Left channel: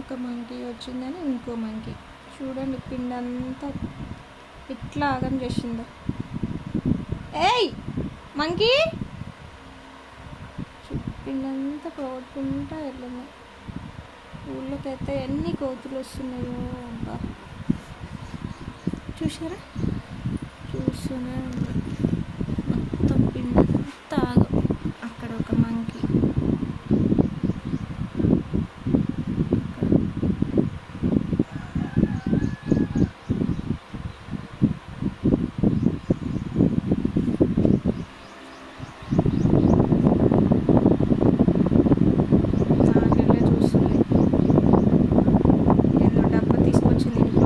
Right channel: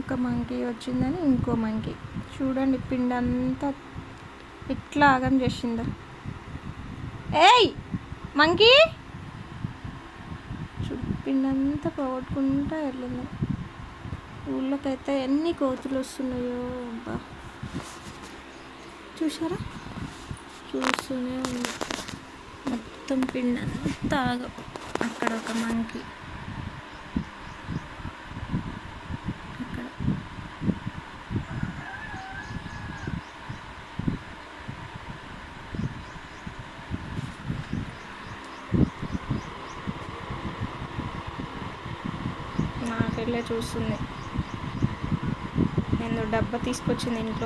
ఒక మంకీ వచ్చిందని ఇంకో మంకీ చూడండి పిండి అంతా ఇట్లా ఆగం చేసిందో. ఏయ్ మంకీ పిండి అంతా పోగొట్టుకుంటా వెళ్ళింది. ఊళ్ళోకైతే ఎన్ని కోతులు వస్తున్నాయో అబ్బా, చూసారా, చూస్తూనే ఉంది. మొత్తం పిండి అంతా ఆగం. అక్కడ ఒక మంకీ, అక్కడ నాకెళ్ళే చూస్తుంది. నేను డబ్బా తీసుకొచ్చింది ఇంట్లో.